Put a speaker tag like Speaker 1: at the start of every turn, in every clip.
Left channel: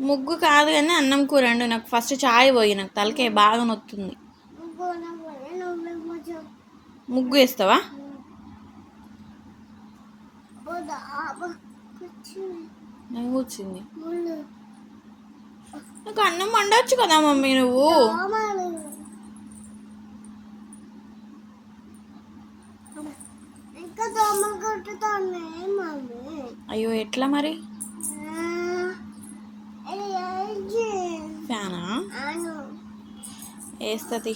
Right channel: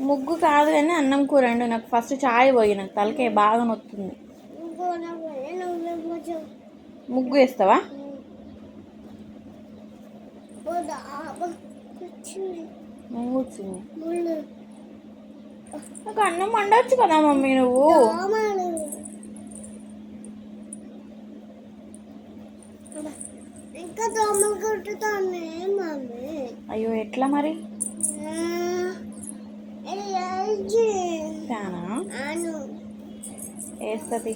Speaker 1: ముగ్గు.
Speaker 2: కాదు కానీ అన్నం కూర అండి. నాకు ఫస్ట్ చాయ్ పోయి నాకు తలకాయ బాగా నొత్తుంది.
Speaker 1: ముగ్గు
Speaker 2: వేస్తావా?
Speaker 1: ముళ్ళు.
Speaker 2: నాకు అన్నం వండొచ్చు కదా మమ్మీ నువ్వు.
Speaker 1: ఇంకా దోమలు కొట్టుతున్నాయి. మమ్మీ
Speaker 2: అయ్యో ఎట్లా మరి? ఫ్యానా? వేస్తుంది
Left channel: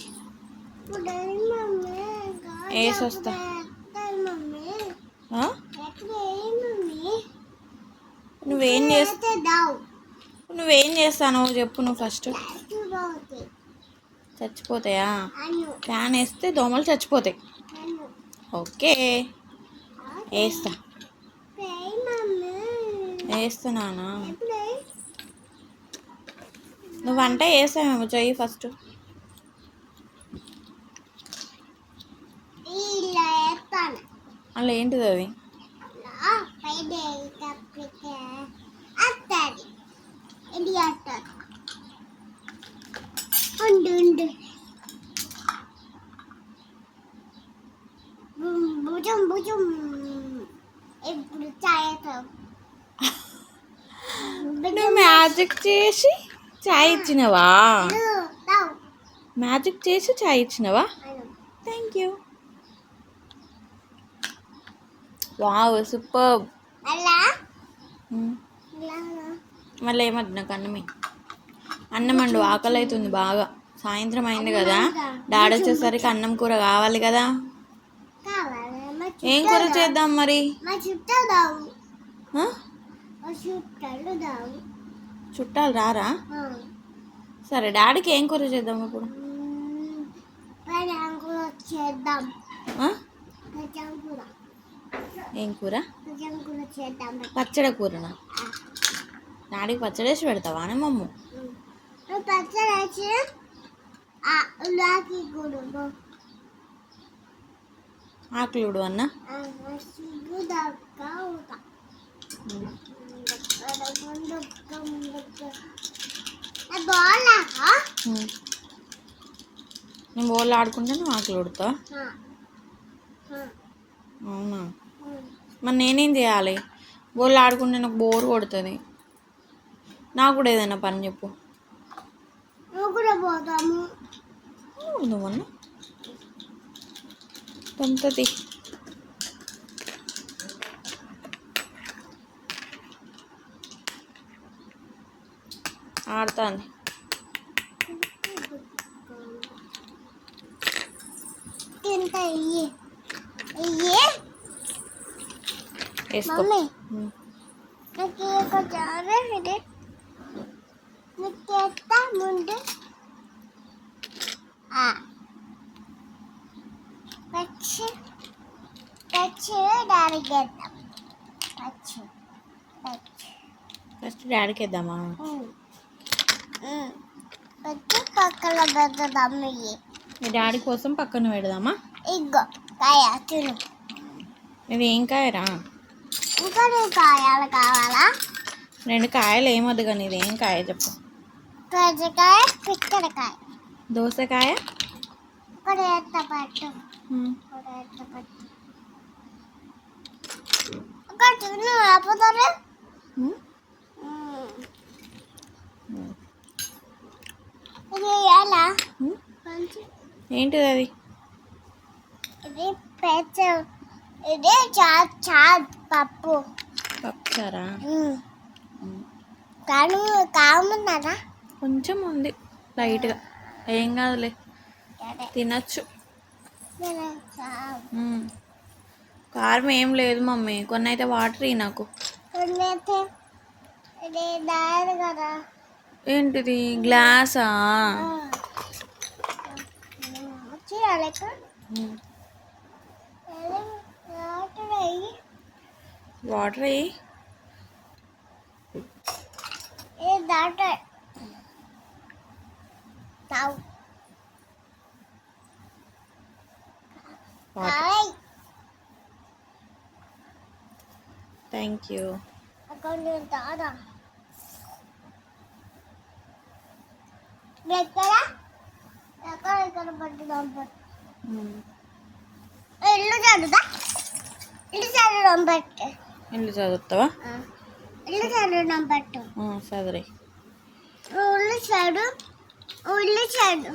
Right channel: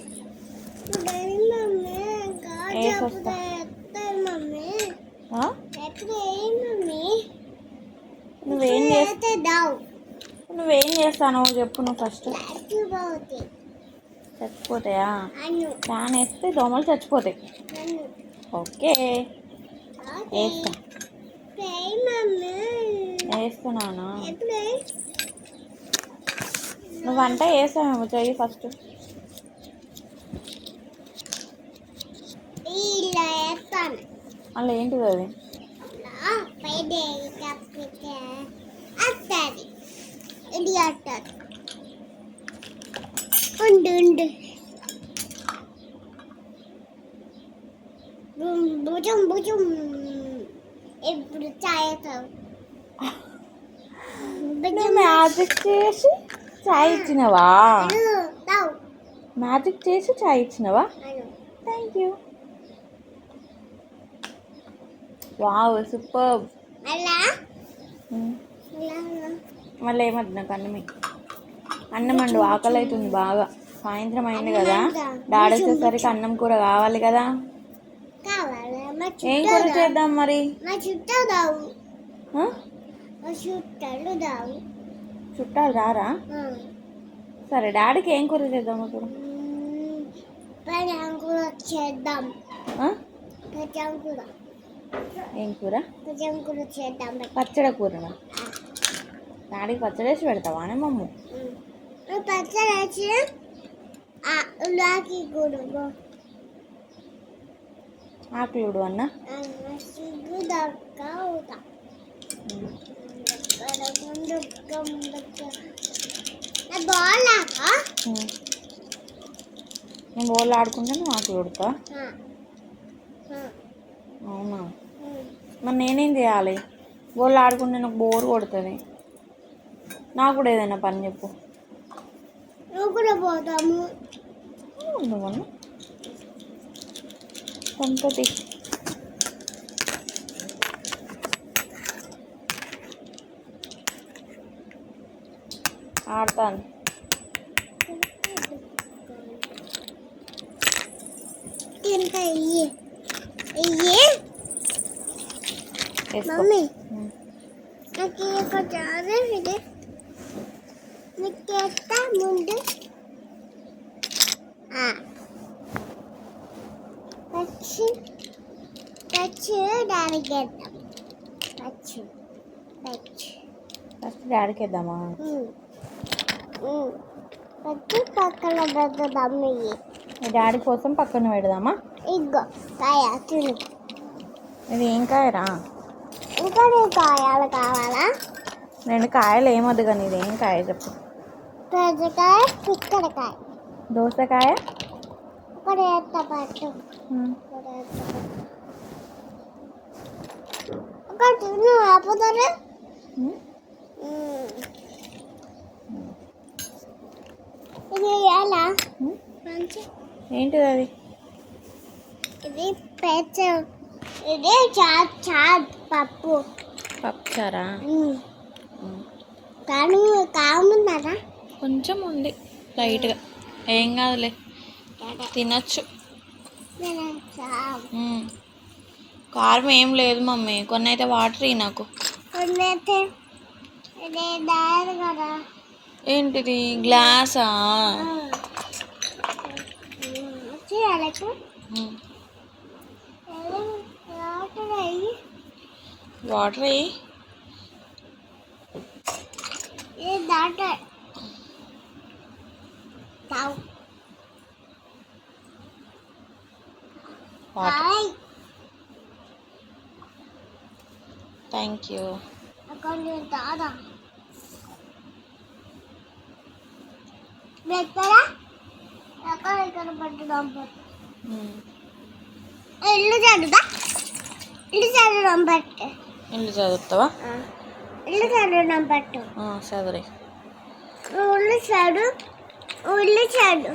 Speaker 2: నువ్వేం
Speaker 1: చేస్తావు
Speaker 2: నువ్వేం చేస్తానో చెప్పు నువ్వు ఫస్ట్. చచ్చిపోతాయా? ఫ్యాన్ వేస్తే దోమలు చచ్చిపోతాయి. ఓకే. వేస్తా వేస్తున్నానా? నువ్వు వంట వేసామేమో చెయ్యి ఫస్ట్. అలా ఏంటిది అది?
Speaker 1: ఉండు ఉండు. భుజం భుజం ఇప్పుడు చాయతావు
Speaker 2: నువ్వు మ్యాజిక్ చేసి చాయ్ ఇచ్చినవా? మ్యాజిక్ చేసి చాయ్ ఇచ్చినవా? థ్యాంక్ యూ వావ్ సూపర్ మళ్ళీ ఏమద్దు నాకు అన్నమే అన్నం అండు ఆకలి అవుతుంది బాగా. సాయంత్రం అయింది కదా? డాడీ వచ్చేసరికి అన్నం కూర కావాలి కదా? ఏం కూర చేద్దాం మరి?
Speaker 1: చుట్టాలు
Speaker 2: రారా. సరే డాడీకి ఏం కూర చేద్దాం ఇప్పుడు?
Speaker 1: చేద్దాం. కూర
Speaker 2: ఏం కూర?
Speaker 1: కూర చేద్దాం.
Speaker 2: పచ్చడి కూరనా? డాడీకి పచ్చడి వేసి పెడతావా మమ్మ.
Speaker 1: మ్మ్. నువ్వు పచ్చడి వేసి
Speaker 2: ఆకులుడు అన్న? నేను బోళ్ళు ఆడుకుంటే నువ్వు ఆకులు ఉడతా అవునా? మరి నేనేం చేయాలి? బోళ్ళు ఆడుకుంటే నాకు బోర్ కొడుతుంది. నాకు కూడా ఏదైనా పని చెప్పు.
Speaker 1: నువ్వు కూడా పోతాము
Speaker 2: కొంతది ఆడతాను
Speaker 1: తింటా ఇయ్యి ఇయ్యి
Speaker 2: వేసుకో
Speaker 1: మమ్మీ
Speaker 2: ఉమ్.
Speaker 1: నాకు ఒక జారే ఇది నీకు ఎత్తా ముందు. పచ్చి. పచ్చి దానికి వేద్దాం. పచ్చి. పచ్చి.
Speaker 2: ఫస్ట్ డాడీకి వేద్దామా?
Speaker 1: పక్కన పెద్దదాం ఇయ్యి?
Speaker 2: మీ డాడీ కోసం పక్కన పెడదామా?
Speaker 1: ఇగో కాయ తిను.
Speaker 2: ఇది ఏం కాయరా?
Speaker 1: ఇంకా నీ కాయాలు కావాలా?
Speaker 2: రెండు కాయలు ఏమొద్దు కానీ ఇది ఏం కాయ చెప్పు.
Speaker 1: పచ్చకాయ పిక్కడకాయ
Speaker 2: దోసకాయ?
Speaker 1: ఇక్కడ ఎత్త పట్టు.
Speaker 2: ఉమ్.
Speaker 1: ఒక తిను ఆపుతారు
Speaker 2: ఏంటిది అది?
Speaker 1: ఇది పెచ్చ ఇది చా చా పప్పు.
Speaker 2: పప్పుచారా?
Speaker 1: మ్మ్.
Speaker 2: ఉమ్.
Speaker 1: కానీ కామున్నారా?
Speaker 2: కొంచెం ఉంది లైట్గా. ఏం కాదులే తినొచ్చు. కారం ఏం లేదు మమ్మీ కొన్ని అయితే వాటర్ ఇ నాకు. ఏంటిది గ్లాసా.
Speaker 1: వాటర్ అయ్యి
Speaker 2: వాటర్ వేయి
Speaker 1: ఇది దాట తావు
Speaker 2: వాటర్
Speaker 1: హాయ్
Speaker 2: థ్యాంక్ యూ
Speaker 1: కొంచెం తాదా ఎక్కడా ఎక్కడ ఇక్కడ పెట్టుదాం ఇల్లు చదువుతా ఇల్లు చదవడం పెట్టు
Speaker 2: ఇల్లు చదువుతావా
Speaker 1: ఇల్లు చదవడం పెట్టు
Speaker 2: చదువురే
Speaker 1: ఉల్లి చెడు ఉల్లి చెడు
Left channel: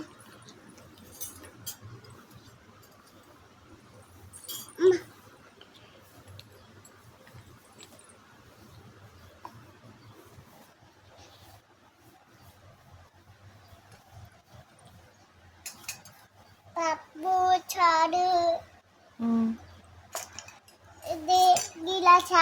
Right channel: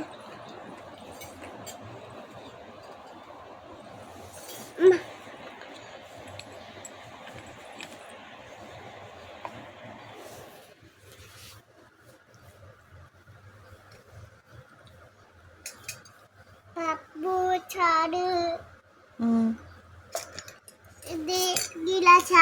Speaker 1: ఇది గిలాస.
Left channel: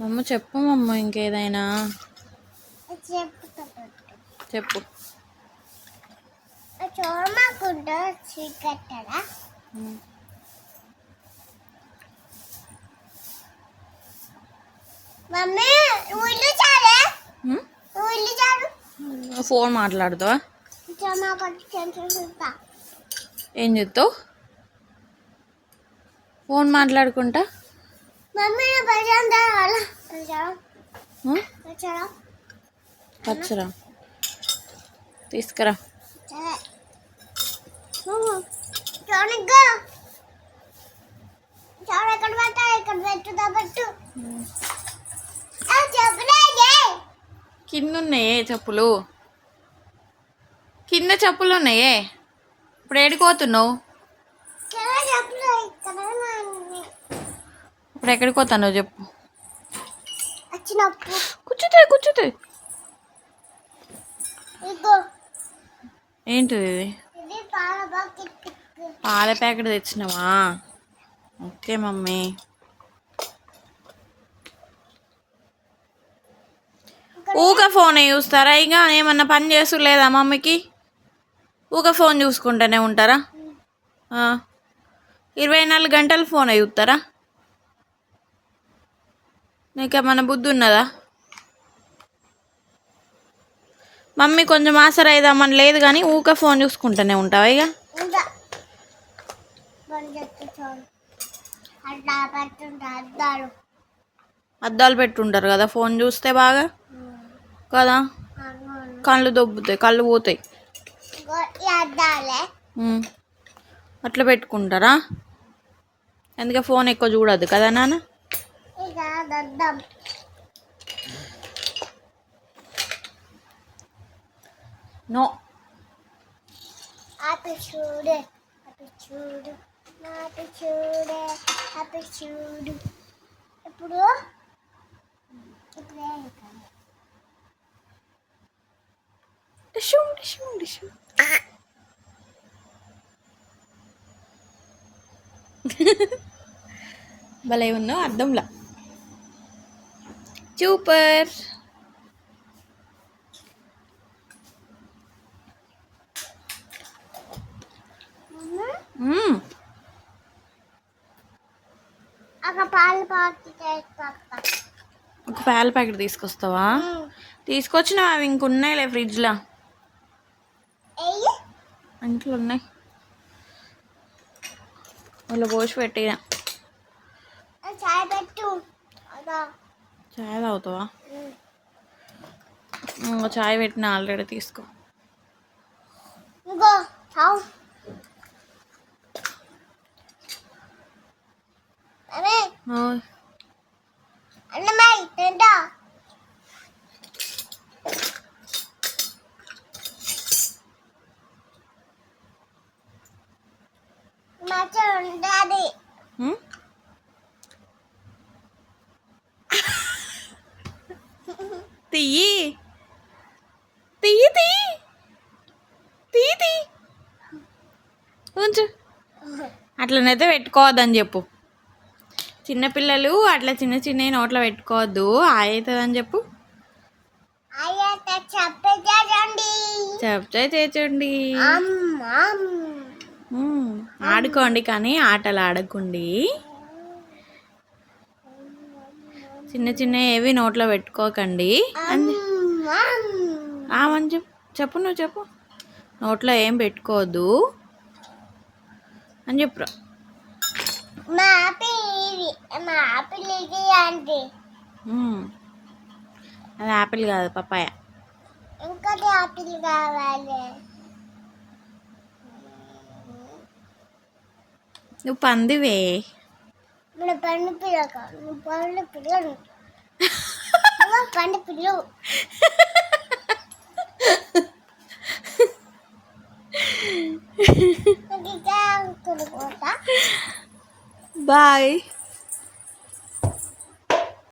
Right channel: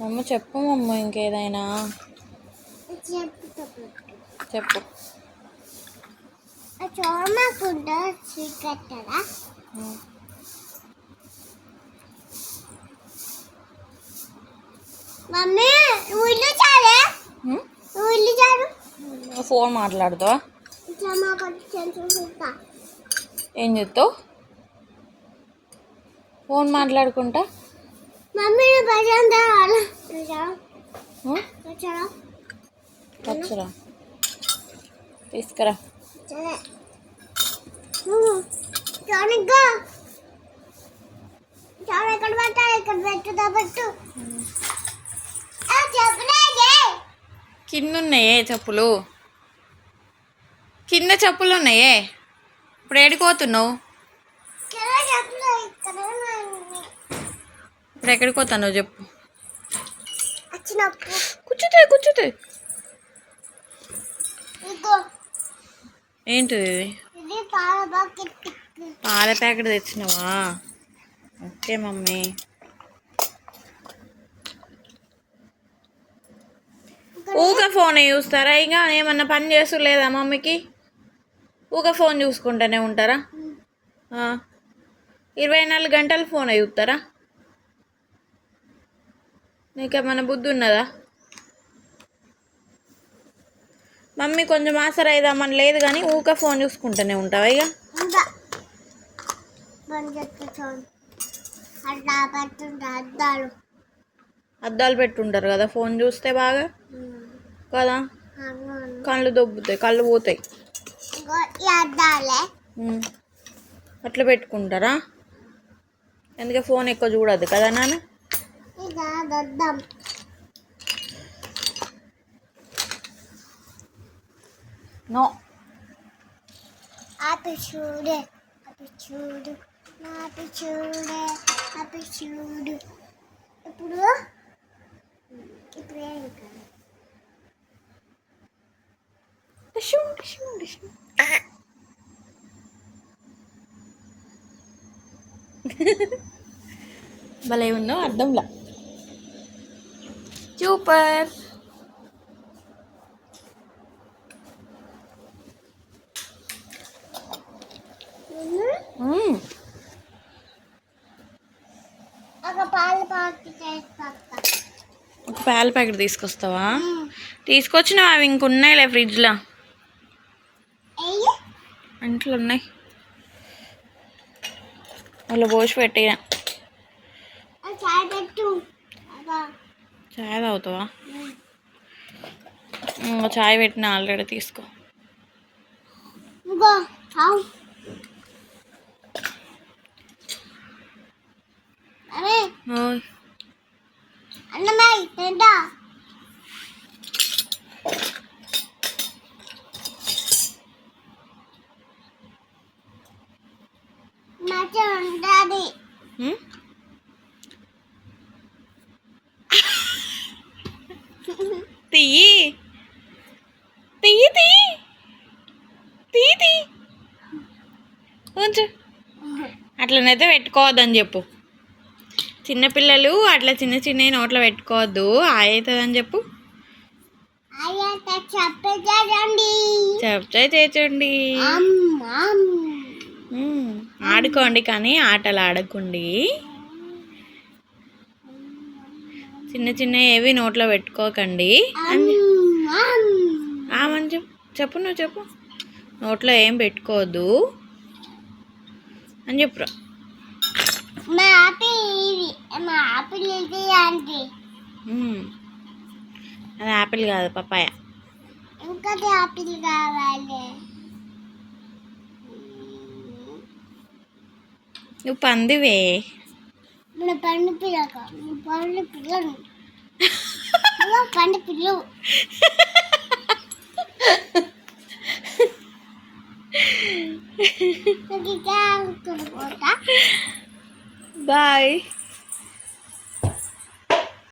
Speaker 2: మమ్మ చెప్పు మమ్మ ఇంకేదైనా. చెప్పు.
Speaker 1: చోమకుండా చీకట్టడా మమ్మీ చాలే? చాలు.
Speaker 2: ఫోన్ మాట్లాడుతావా? ఏం చెప్తావు ఫోన్ మాట్లాడుకుంటా? వచ్చురా తీసుకురా.
Speaker 1: ఎక్కడ పెట్టాలి? ఇక్కడ పెట్టు
Speaker 2: కింద ఉన్నాయే చెప్పులు కింద చెప్పులు. ఉన్నాయే ఇప్పుడు ఏడిపోతున్నావు
Speaker 1: చలో చెప్పలే ఇక్కడ ఉన్నాయి.
Speaker 2: ఇప్పుడు ఎక్కడికి పోతావు చెప్పు. కూర్చుతాయి కూర్చుతాయి ఏంటిది ఇది?
Speaker 1: పాల
Speaker 2: ప్యాకెట్ తెచ్చినావా? Okay mummy. ఊక ఫోన్ చూస్తారా? ఇక ఏమన్నా పని చేసు లేదా మమ్మీకి? ఊక ఫోన్ చూసుకుంటూనే ఉంటారా. ఇరవై నాలుగు గంటలు ఫోన్ చూస్తారా? నీకేమన్నా బుద్ధి ఉన్నదా మమ్మీ కొంచెం ఆసరైదామని లేదు కానీ ఊక ఫోన్ చూసుకుంటూనే ఉంటావా ఇక.
Speaker 1: అద్దాలు.
Speaker 2: పెట్టుంటారు కదా ఫోన్ చూస్తే బాగా? కదా. కళ్ళు దొబ్బుతాయి కళ్ళు పోతాయి. అట్లా పెట్టుకుంటారా? అందుకే ఫోన్ ఎక్కువ చూడద్దు కదా నాన్న?
Speaker 1: ఇక దద్దం.
Speaker 2: నో.
Speaker 1: ఆపి చూడే ఆపి చూడు ఆపి చూడే ఆపి చూడు. ఇప్పుడు ఇప్పుడు ఏం కాదు.
Speaker 2: భలే ఉన్నావు అర్థంలా. సూపర్
Speaker 1: చేసుకొస్తా
Speaker 2: ఒక పాల ప్యాకెట్ తీసుకొస్తావా? తీసుకొచ్చినావా అవి ఇంకున్నాయిలే ఫ్రిడ్జ్లో. ఇంట్లో ఉన్నాయి వాళ్ళు పోసి పెట్టిన
Speaker 1: అది చాయ్ పెట్టు అదా
Speaker 2: చాయ్ తాగుతావా? ఇంకా చాయ్ పెట్టిన ఆల్రెడీ తీసుకో.
Speaker 1: ఇంకో
Speaker 2: అట్లనైతే పెట్టుకోవద్దని చెప్పు. చిన్నపిల్లలు అట్లా చిన్న చిన్న నోట్లో పెట్టుకోవద్దు. అవుతుందని చెప్పు. చెప్తే చేచండి. ఆడుకోండి కానీ ఆటలు ఆడకండి. చిన్న చిన్న ఏవి నోట్లో పెట్టుకోకండి. అని చెప్పు. నువ్వు చెప్పు. నోట్లో ఏం పెట్టుకోవద్దు. అని చెప్పురా
Speaker 1: మా ఆపిల్ ఇది మా ఆపిల్ ఇది ఆంటీ
Speaker 2: మ్మ్. అది యాపిల్ కాదు పప్పాయ
Speaker 1: ఇంకోటి ఆపిల్ కావాలి
Speaker 2: నువ్వు పందివే
Speaker 1: మన పండు పిల్లక నువ్వు పండు పిల్లలు నువ్వు పండు పిల్లలు నాకు ఇంకా
Speaker 2: Bye.